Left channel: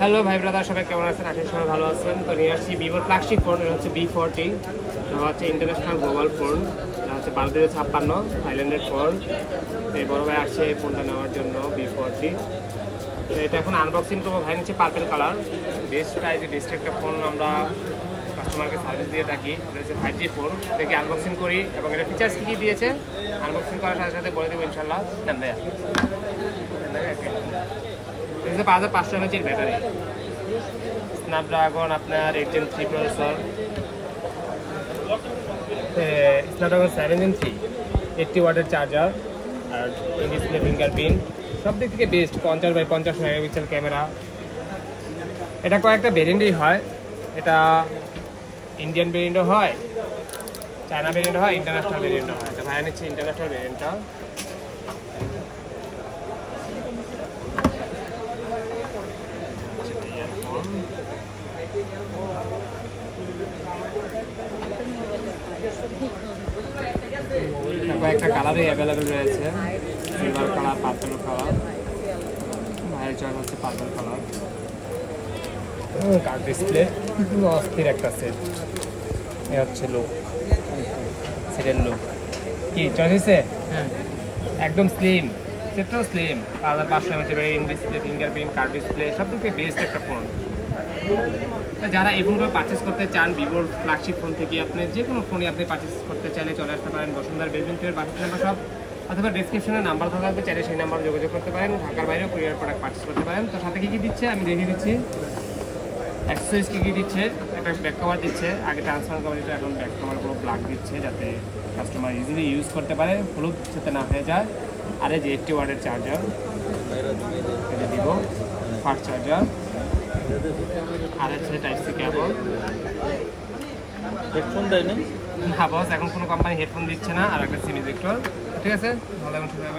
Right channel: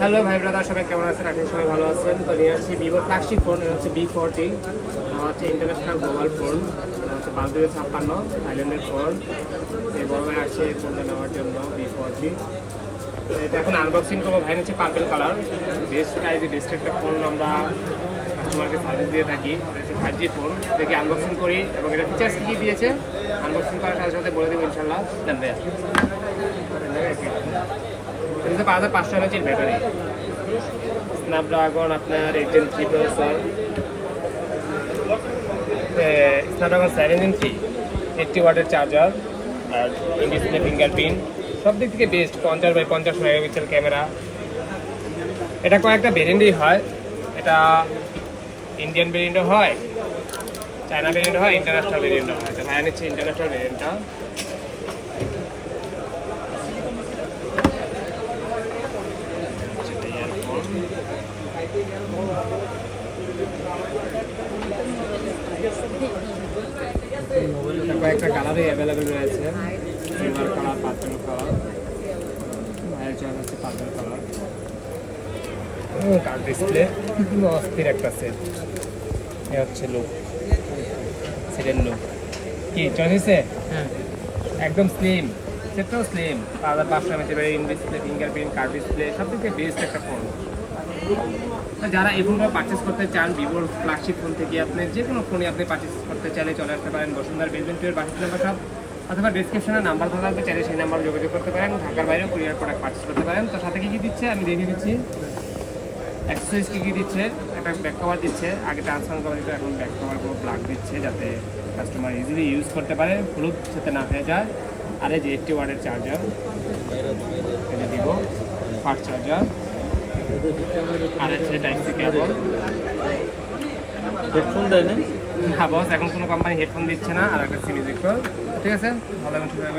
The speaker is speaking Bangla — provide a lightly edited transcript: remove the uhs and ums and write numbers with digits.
হ্যালো ভাই ব্রাদার, সবাই কেমন আছেন? আশা করি সবাই ভালো আছেন। তো নিয়ে আসছি ভিভোর ফ্ল্যাগশিপ ফোন, এটা হচ্ছে B40। এটা হচ্ছে ইন্টারন্যাশনাল গ্লোবাল ফোন। এটা হচ্ছে 5256 থাইল্যান্ডের ফোন। এই বড় ভাই আসছে এই ফোনটা নেওয়ার জন্য B40। তো এটা এখন আনবক্সিং করবো। ভাই হচ্ছে পার্পেল কালার, বেস্ট প্রাইজে বেস্ট একটা ফোন আমরা কাস্টমারকে সার্ভিস দিয়ে থাকি। এটা হচ্ছে 5G ফোন। দেখি আনবক্সিং করি এবং এটা ফিচার্স কী কী দিয়েছে আনবক্সিং করার সাথে সাথে বলে দেবো ইনশাল্লাহ। জানবে এটা 5500 mAh ব্যাটারি, স্ন্যাপড্রাগন আপনার 8 Gen 3 প্রসেসর, স্ন্যাপড্রাগন 7 Gen 3, 80 ওয়াটের চার্জার আর ইন ডিসপ্লে ফিঙ্গারপ্রিন্ট। সব দিক থেকে বেস্ট। 50x50 megapixel camera. এটা কয়েকটা ভেরিয়েন্টই হয়। এটা ইন্ডিয়ান ভেরিয়েন্টও হয়, চায়না ভেরিয়েন্ট হয়, ইন্টারন্যাশনাল ভেরিয়েন্টও হয়। তো ভাই নিচ্ছে ইন্টারন্যাশনাল ভেরিয়েন্টটা। কয়েকটা কালারই অ্যাভেলেবেল রয়েছে, সিলভার কালার, পার্পল কালার। ভাইয়ের চয়েস হচ্ছে পার্পল কালার। কার্ড ডিসপ্লে অস্থির একটা সেট। এ হচ্ছে লুক, সেটের লুক। কি চয়েস হয়েছে? হ্যাঁ, একদম স্লিম, সেটটাও slim. 5500 mAh in display fingerprint, card display, সব থেকে বেস্ট একটা ফোন। যারা এই ফোনটা পারচেস করতে চান, ভিভোর ফ্ল্যাগশিপ ফোন থেকে আপনি যে কোনো ফোনই আপনি পারচেস করতে চাইলে চলে আসতে পারেন বসুন্ধরা বেজমেন্টের বাসিন্দা সব, অথবা ডিসক্রিপশনে নাম্বার দেওয়া থাকবে, চাইলে সেই নাম্বার যোগাযোগ করতে পারেন। ঢাকার বাইরেও কুরিয়ার প্রোডাক্ট পারচেস করতে পারেন। তো সাথে কী কী দিচ্ছে আমি দেখিয়ে দিচ্ছি। অ্যাক্সেসরিজ কী কী দিচ্ছে, একটা ব্যাক কভার দিচ্ছে। আগে ট্রান্সফার কোম্পানিতে, এখন ব্যাক কভারগুলো প্লাগ দিচ্ছে যাতে কাস্টমার ইজিলি ইউজ করতে পারে, হলুদ যাতে না হয়ে যায়। আর এই যে 80 ওয়াটের চার্জার এটা দিব, ফাস্ট চার্জার। আর হচ্ছে টাইপ সি কেবল। হেডফোন দেয় না? না বস, এখন কোনো কোম্পানি হেডফোন দিচ্ছে না। আর একটা সিম ইজেক্টর। ঠিক আছে, ভালো এবং সুন্দর।